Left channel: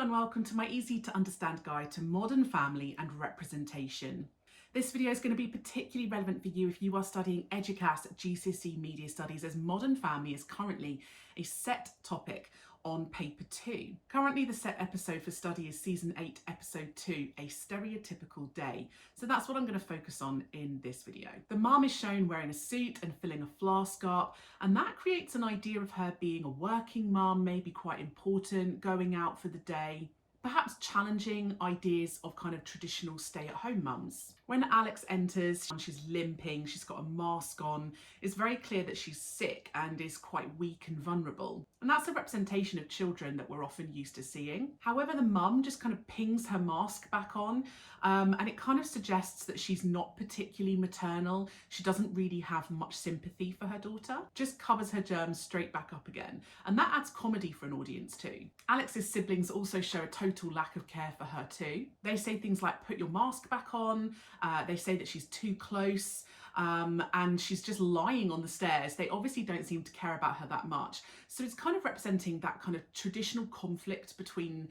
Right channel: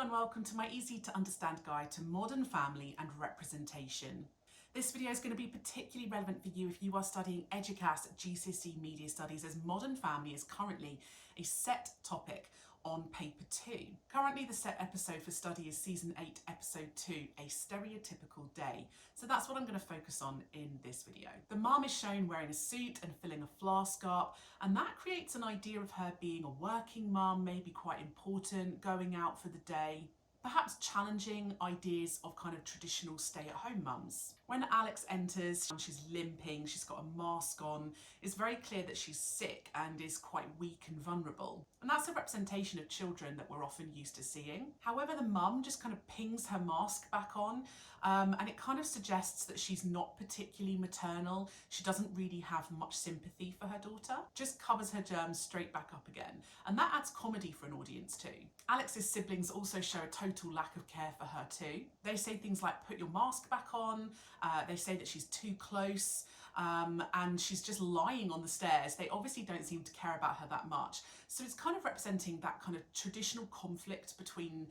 and welcome to my easy to understand guide to modern family and representation. This video is going to be particularly relevant for you if you are studying Eduqas GCSE Media Studies, as modern family is currently a set topic on paper 2. Currently the set episode for study is season 8 episode 2, a stereotypical day. So that's what I'm going to focus on in this video. The mum is shown wearing a suit and filling a flask up, and that creates an idea of her being a working mum, maybe quite important, going out for the day, perhaps challenging ideas of kind of traditional stay-at-home mums. When Alex enters, she's limping, she's got a mask on. It's very clear that she's sick and is quite weak and vulnerable. And that's a representation of children that we're often used to seeing. However, the mum just kind of pings her mask back on, and it kind of suggests that she's not particularly maternal. She doesn't really have much sympathy for her daughter, just covers her germs straight back up again. And that adds comedy for an audience too. Alex's siblings also show a total lack of care for her too. They say things like, put your mask back on. They say that she's too close, and she's just lying on the stairs. They obviously don't seem to care about her that much. So it's kind of representing that kind of traditional conflict between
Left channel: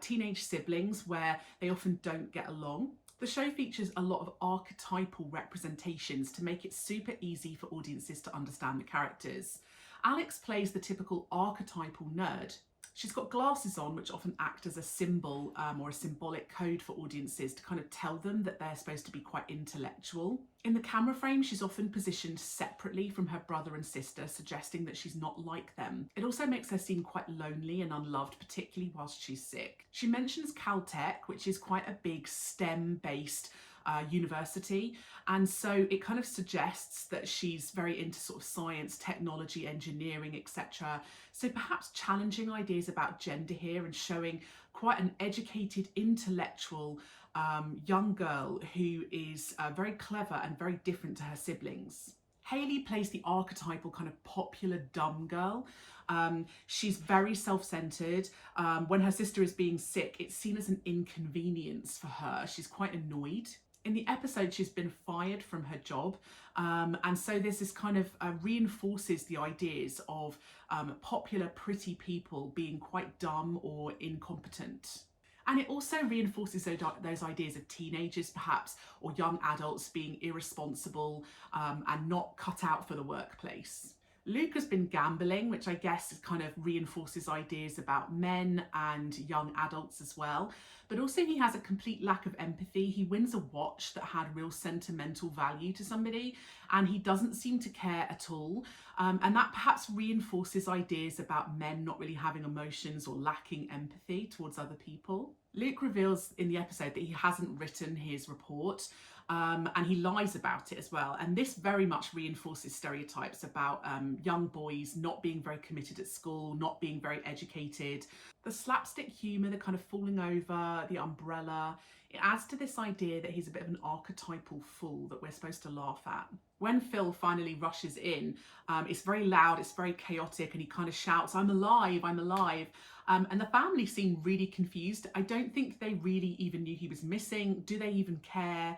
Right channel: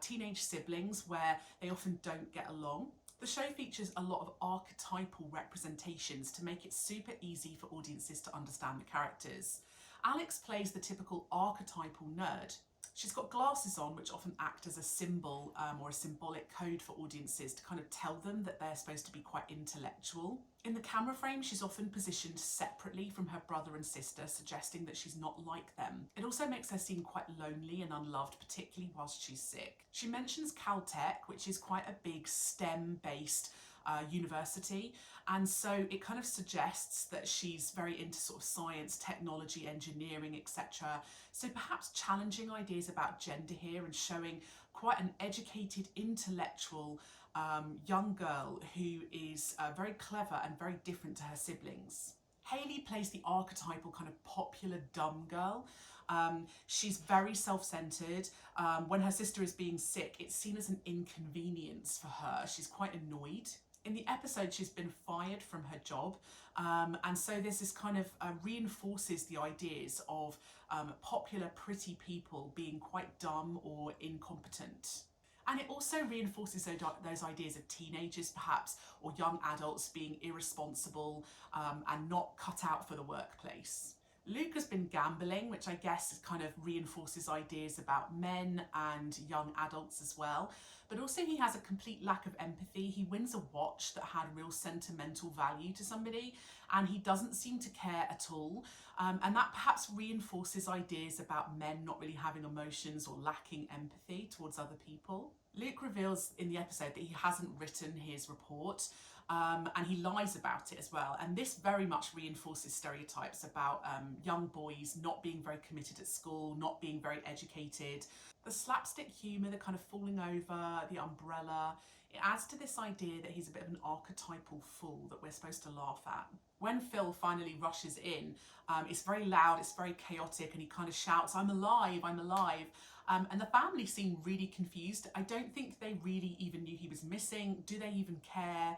teenage siblings where they often don't get along. The show features a lot of archetypal representations to make it super easy for audiences to understand the characters. Alex plays the typical archetypal nerd. She's got glasses on, which often act as a symbol or a symbolic code for audiences to kind of tell them that they're supposed to be quite intellectual. In the camera frame, she's often positioned separately from her brother and sister, suggesting that she's not like them. It also makes her seem quite lonely and unloved, particularly whilst she's sick. She mentions Caltech, which is quite a big STEM-based university, and so it kind of suggests that she's very into sort of science, technology, engineering, etc. So perhaps challenging ideas about gender here and showing quite an educated, intellectual young girl who is very clever and very different to her siblings. Hayley plays the archetypal kind of popular dumb girl. She's very self-centered. When her sister is being sick, it's seen as an inconvenience for her. She's quite annoyed. In the episode, she's been fired from her job, and so there's this kind of reinforces the ideas of popular, pretty people being quite dumb or incompetent. And it also reinforces those ideas of teenagers, perhaps, or young adults being irresponsible and not cut out for the workplace. Luke has been gambling, which I guess kind of reinforces ideas about men and young adults as well. But also he has a complete lack of empathy. He wins a watch that had real sentimental value to somebody, and he doesn't seem to care at all. And that perhaps reinforces ideas about men not really having emotions or lacking empathy towards other people. Luke reveals in the episode that he hasn't written his report, and he lies about it as well. And this very much reinforces stereotypes about young boys not being very committed at school, not being very educated. The slapstick humour, the kind of falling over, the umbrella, it adds to this idea that he's a bit of an archetypal fool that we're supposed to laugh at. When Phil finally rushes in, it's very loud, it's very chaotic, and he kind of shouts, "I'm alive, I'm alive." And the family seem really confused. I don't think they really even knew he was missing. Do they even care?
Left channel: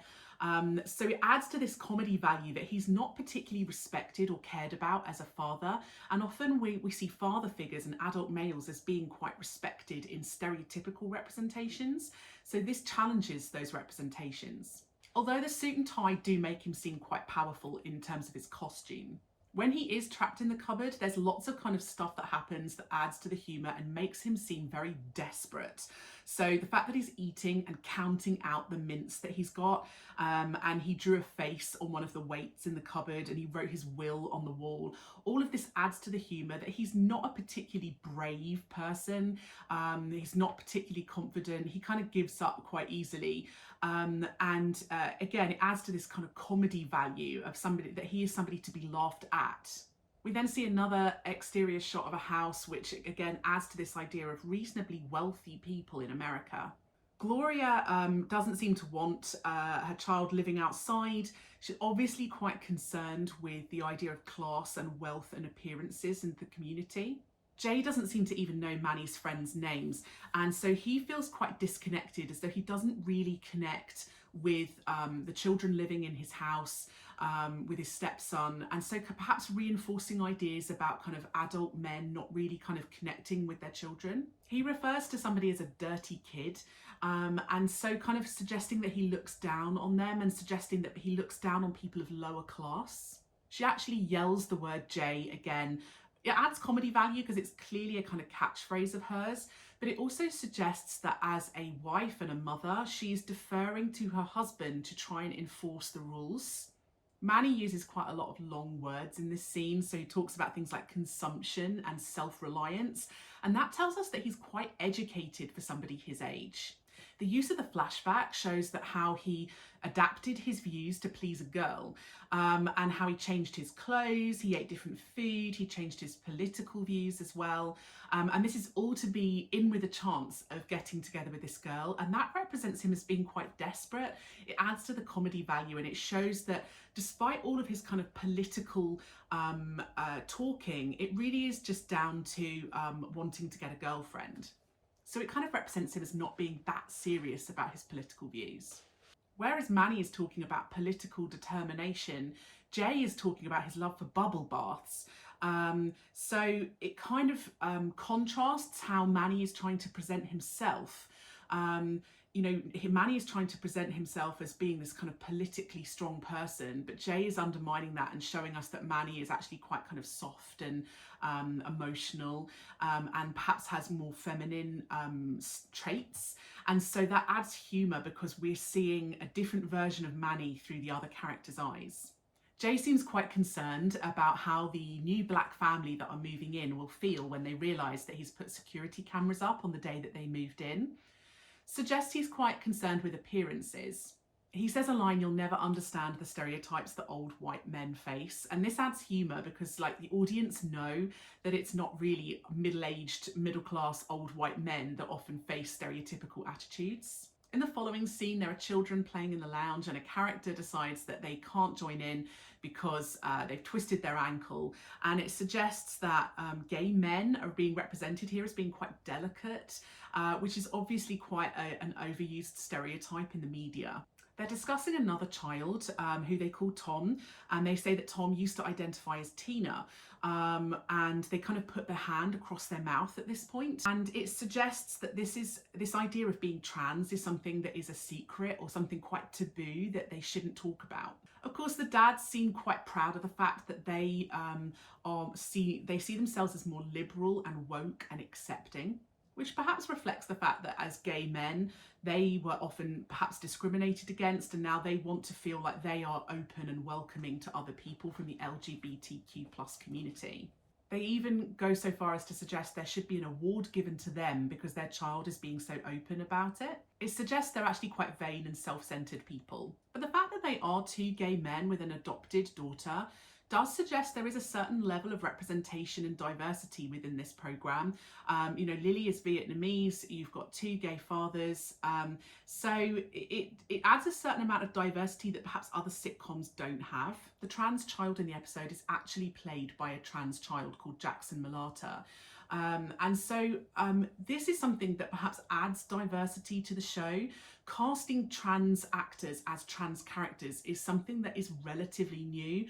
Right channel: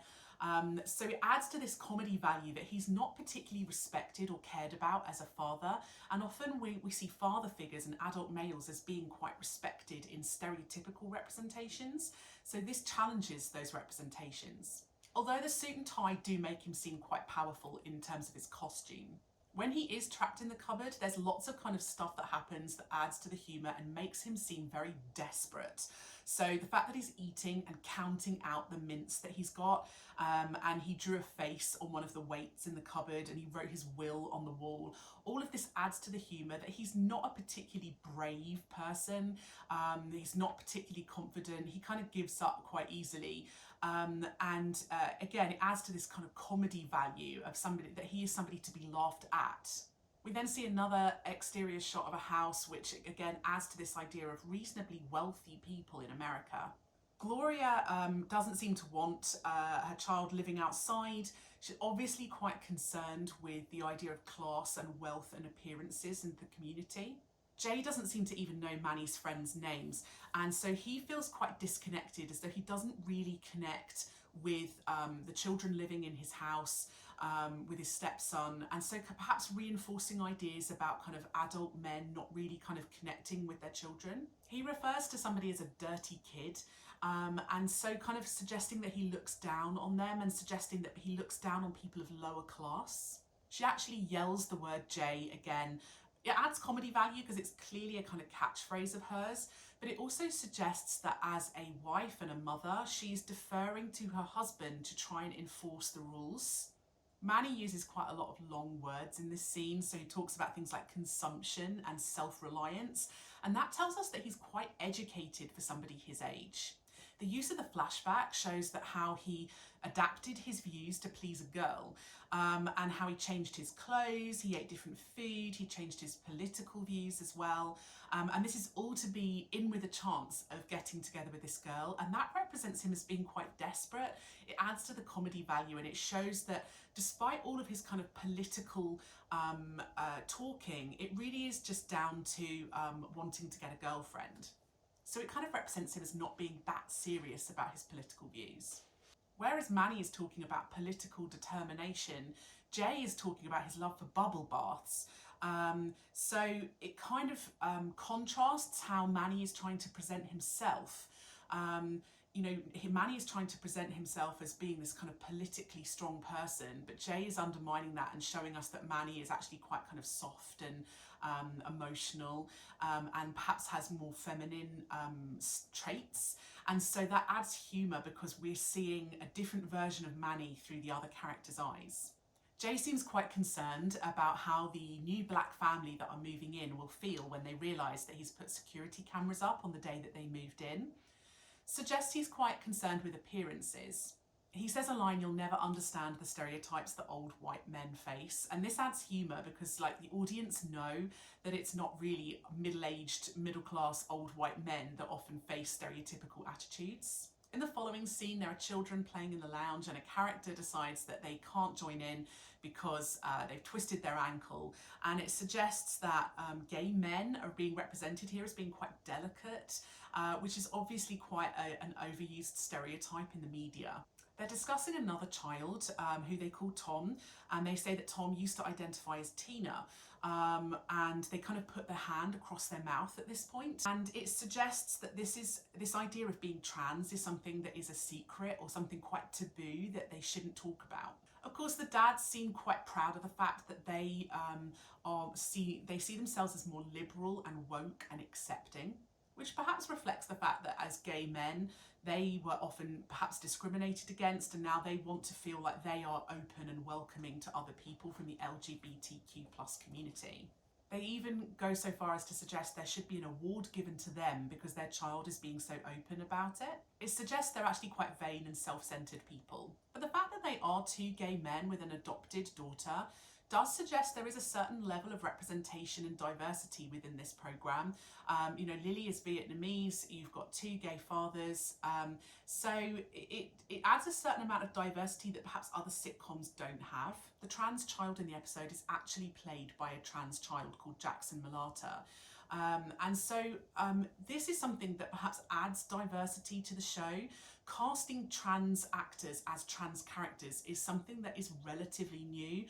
So it adds to this comedy value that he's not particularly respected or cared about as a father. And often we see father figures and adult males as being quite respected in stereotypical representations. So this challenges those representations. Although the suit and tie do make him seem quite powerful in terms of his costume. When he is trapped in the cupboard, there's lots of kind of stuff that happens that adds to the humour and makes him seem very desperate. So the fact that he's eating and counting out the mints that he's got, and he drew a face on one of the weights in the cupboard and he wrote his will on the wall, all of this adds to the humour that he's not a particularly brave person. He's not particularly confident. He kind of gives up quite easily. Again, it adds to this kind of comedy value of somebody, that he is somebody to be laughed at. We then see another exterior shot of a house, which again adds to this idea of reasonably wealthy people in America. Gloria doesn't seem to want her child living outside. She's obviously quite concerned with the idea of class and wealth and appearances in the community. Jay doesn't seem to even know Manny's friends' names, and so he feels quite disconnected, as though he doesn't really connect with the children living in his house, with his stepson, and so perhaps reinforcing ideas about kind of adult men not really kind of connecting with their children. He refers to somebody as a dirty kid, and so kind of suggesting that he looks down on them and suggesting that he looks down on people of lower class. She actually yells the word J again. It adds comedy value because it's clearly a kind of catchphrase of hers, but it also suggests that as a wife and a mother, she is deferring to her husband to try and enforce the rules. Manny uses quite a lot of long words in this scene, so he talks about things like consumption and self-reliance, and that tells us that he's quite educated for somebody his age. The use of the flashback shows that how he adapted his views to please a girl, and how he changed his clothes, he ate different food, he changed his political views as well. And this is all to be in with a chance of getting together with this girl, and that represents him as being quite desperate. It adds to the comedy value, and it shows that despite all of his kind of political talking, it really is just down to wanting to get a girlfriend. So it kind of represents him as not being that serious about his political views. Whereas Manny is talking about political determination, Jay is talking about his love for bubble baths. So it kind of contrasts how Manny is trying to present himself. Manny is trying to present himself as being this kind of politically strong person, but Jay is undermining that and showing us that Manny is actually quite kind of soft and emotional, and perhaps has more feminine traits. And so that adds humour because we're seeing a different version of Manny through the other character's eyes. Jay seems quite concerned about how the new black family that are moving in will feel when they realise that he's put security cameras up on the day that they moved in. Suggests he's quite concerned with appearances. He says a line, "You'll never understand the stereotypes that old white men face." And this adds humour because like the audience know that it's not really middle-aged, middle-class old white men that often face stereotypical attitudes. In the following scene, there are children playing in the lounge and a character decides that they can't join in because they've twisted their ankle. And it suggests that gay men are being represented here as being quite delicate, which is obviously quite an overused stereotype in the media. They're discussing another child who they call Tom, and they say that Tom used to identify as Tina. And they kind of put their hand across their mouth at this point. And it suggests that this idea of being trans is something that is a secret or something quite taboo that they shouldn't talk about. Of course, the dads seem quite proud of the fact that they see themselves as more liberal and woke and accepting, which perhaps reflects the fact that as gay men, they were often perhaps discriminated against, and now they want to feel like they are open and welcoming to other people from the LGBTQ+ community. They even go so far as to suggest there should be an award given to them because their child is being so open about it. It suggests they're actually quite vain and self-centered people. But the fact that they are two gay men with an adopted daughter does suggest there is a certain level of representation and diversity within this programme. Lily is Vietnamese, you've got two gay fathers, so it adds a certain amount of diversity that perhaps other sitcoms don't have. The trans child in the episode is actually played by a trans child called Jackson Malata. And so this is something that perhaps adds diversity to the show. Casting trans actors as trans characters is something that is relatively new.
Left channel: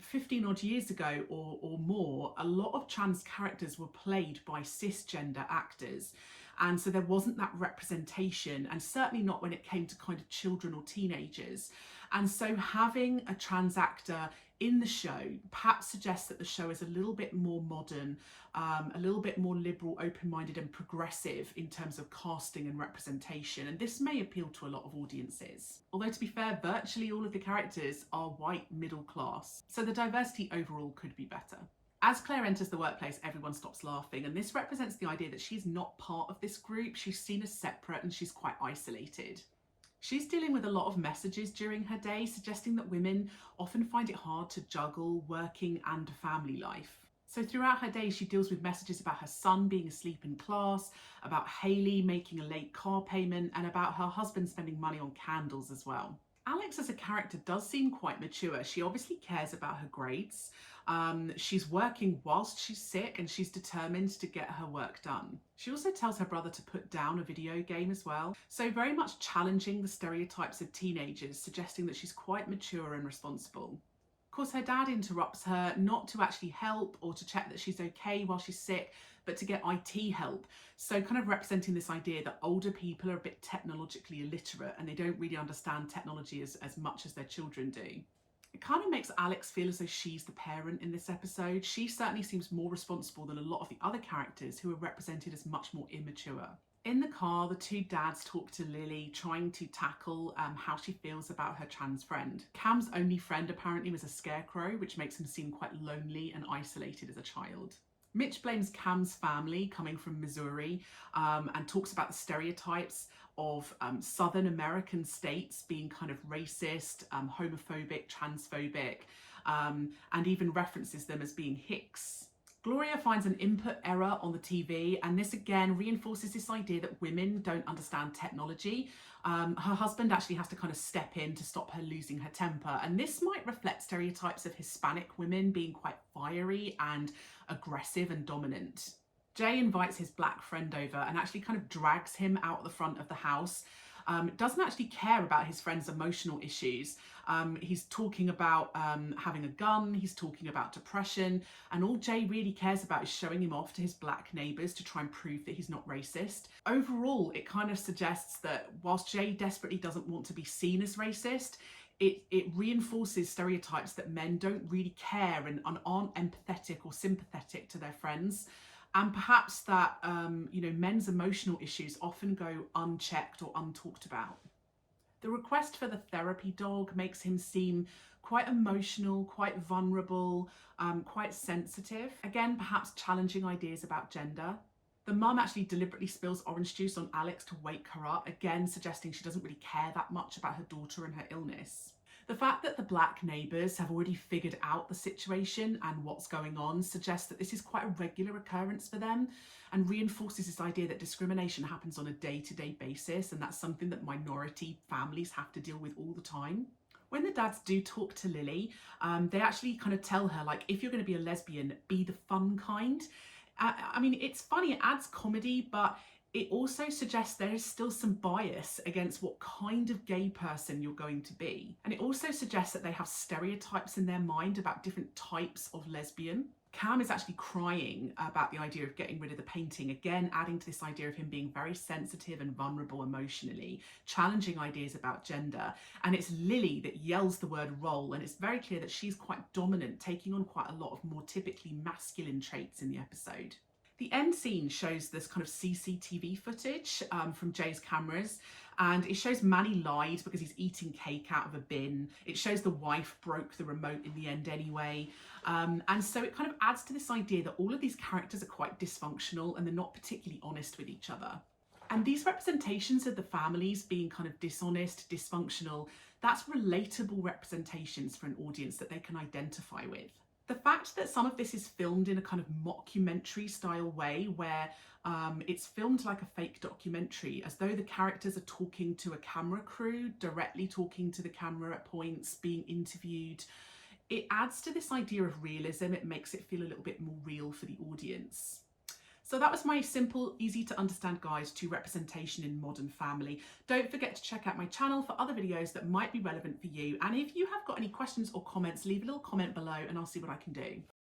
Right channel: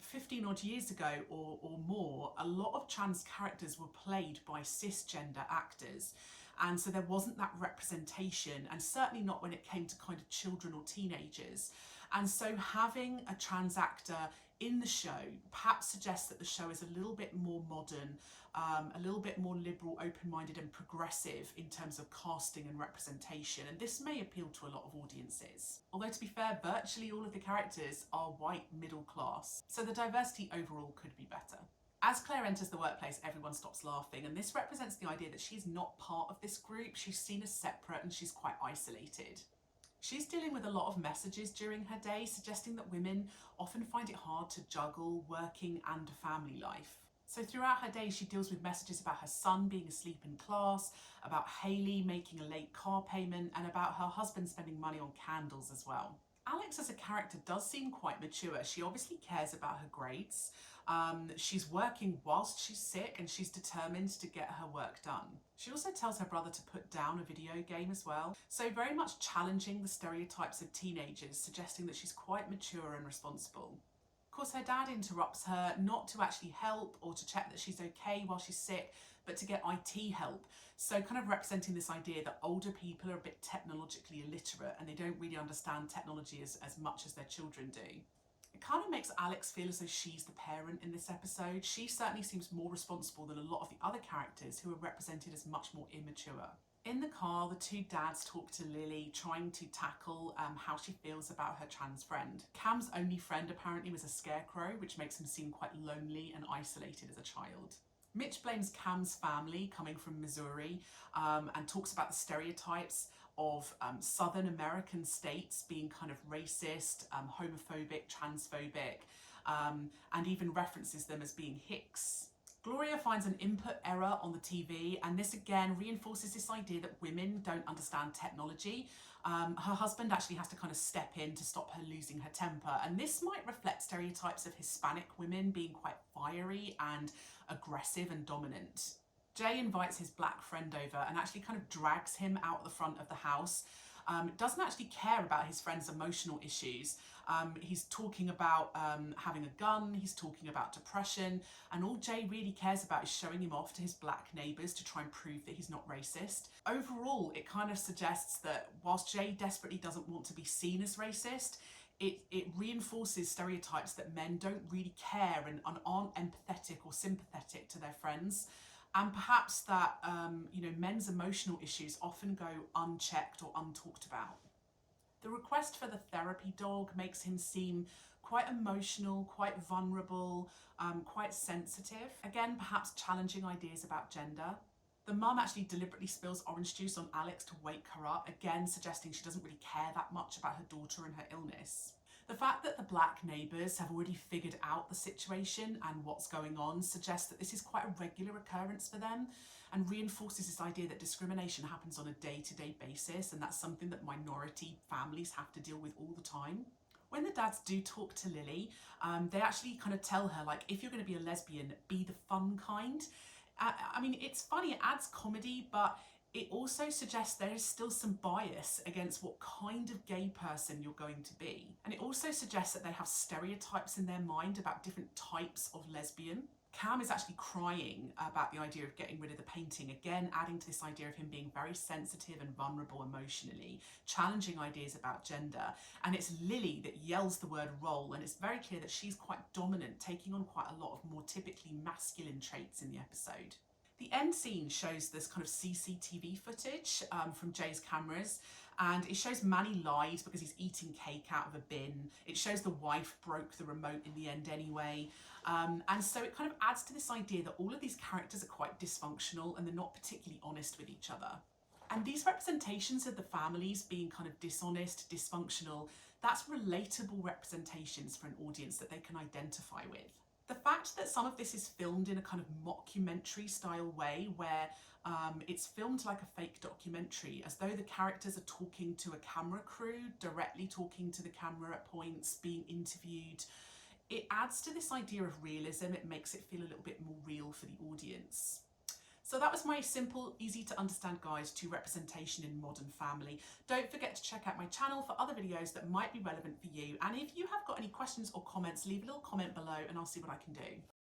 15 odd years ago or more, a lot of trans characters were played by cisgender actors. And so there wasn't that representation, and certainly not when it came to kind of children or teenagers. And so having a trans actor in the show perhaps suggests that the show is a little bit more modern, a little bit more liberal, open-minded and progressive in terms of casting and representation, and this may appeal to a lot of audiences. Although to be fair, virtually all of the characters are white middle class, so the diversity overall could be better. As Claire enters the workplace, everyone stops laughing, and this represents the idea that she's not part of this group. She's seen as separate and she's quite isolated. She's dealing with a lot of messages during her day, suggesting that women often find it hard to juggle working and family life. So throughout her day, she deals with messages about her son being asleep in class, about Hayley making a late car payment, and about her husband spending money on candles as well. Alex as a character does seem quite mature. She obviously cares about her grades, She's working whilst she's sick and she's determined to get her work done. She also tells her brother to put down a video game as well. So very much challenging the stereotypes of teenagers, suggesting that she's quite mature and responsible. Of course, her dad interrupts her not to actually help or to check that she's okay while she's sick, but to get IT help. So kind of representing this idea that older people are a bit technologically illiterate and they don't really understand technology as much as their children do. It kind of makes Alex feel as though she's the parent in this episode. She certainly seems more responsible than a lot of the other characters who are represented as much more immature. In the car, the two dads talk to Lily, trying to tackle how she feels about her trans friend. Cam's only friend apparently was a scarecrow, which makes him seem quite lonely and isolated as a child. Mitch blames Cam's family coming from Missouri and talks about the stereotypes of Southern American states being kind of racist, homophobic, transphobic, and even references them as being hicks. Gloria finds an input error on the TV, and this again reinforces this idea that women don't understand technology. Her husband actually has to kind of step in to stop her losing her temper, and this might reflect stereotypes of Hispanic women being quite fiery and aggressive and dominant. Jay invites his black friend over and actually kind of drags him out the front of the house. Doesn't actually care about his friend's emotional issues. He's talking about having a gun, he's talking about depression, and all Jay really cares about is showing him off to his black neighbours to try and prove that he's not racist. Overall, it kind of suggests that whilst Jay desperately doesn't want to be seen as racist, it reinforces stereotypes that men don't really care and aren't empathetic or sympathetic to their friends. And perhaps that, men's emotional issues often go unchecked or untalked about. The request for the therapy dog makes him seem quite emotional, quite vulnerable, quite sensitive. Again, perhaps challenging ideas about gender. The mum actually deliberately spills orange juice on Alex to wake her up, again suggesting she doesn't really care that much about her daughter and her illness. The fact that the black neighbours have already figured out the situation and what's going on suggests that this is quite a regular occurrence for them and reinforces this idea that discrimination happens on a day-to-day basis, and that's something that minority families have to deal with all the time. When the dads do talk to Lily, they actually kind of tell her, like, if you're going to be a lesbian, be the fun kind. I mean, it's funny, it adds comedy, but it also suggests there is still some bias against what kind of gay person you're going to be. And it also suggests that they have stereotypes in their mind about different types of lesbian. Cam is actually crying about the idea of getting rid of the painting, again adding to this idea of him being very sensitive and vulnerable emotionally, challenging ideas about gender. And it's Lily that yells the word role, and it's very clear that she's quite dominant, taking on quite a lot of more typically masculine traits in the episode. The end scene shows this kind of CCTV footage from Jay's cameras, and it shows Manny lied because he's eating cake out of a bin. It shows the wife broke the remote in the end anyway. And so it kind of adds to this idea that all of these characters are quite dysfunctional and they're not particularly honest with each other. And these representations of the families being kind of dishonest, dysfunctional, that's relatable representations for an audience that they can identify with. The fact that some of this is filmed in a kind of mockumentary style way where it's filmed like a fake documentary, as though the characters are talking to a camera crew, directly talking to the camera at points, being interviewed, it adds to this idea of realism. It makes it feel a little bit more real for the audience. So that was my simple, easy to understand guide to representation in Modern Family. Don't forget to check out my channel for other videos that might be relevant for you. And if you have got any questions or comments, leave a little comment below and I'll see what I can do.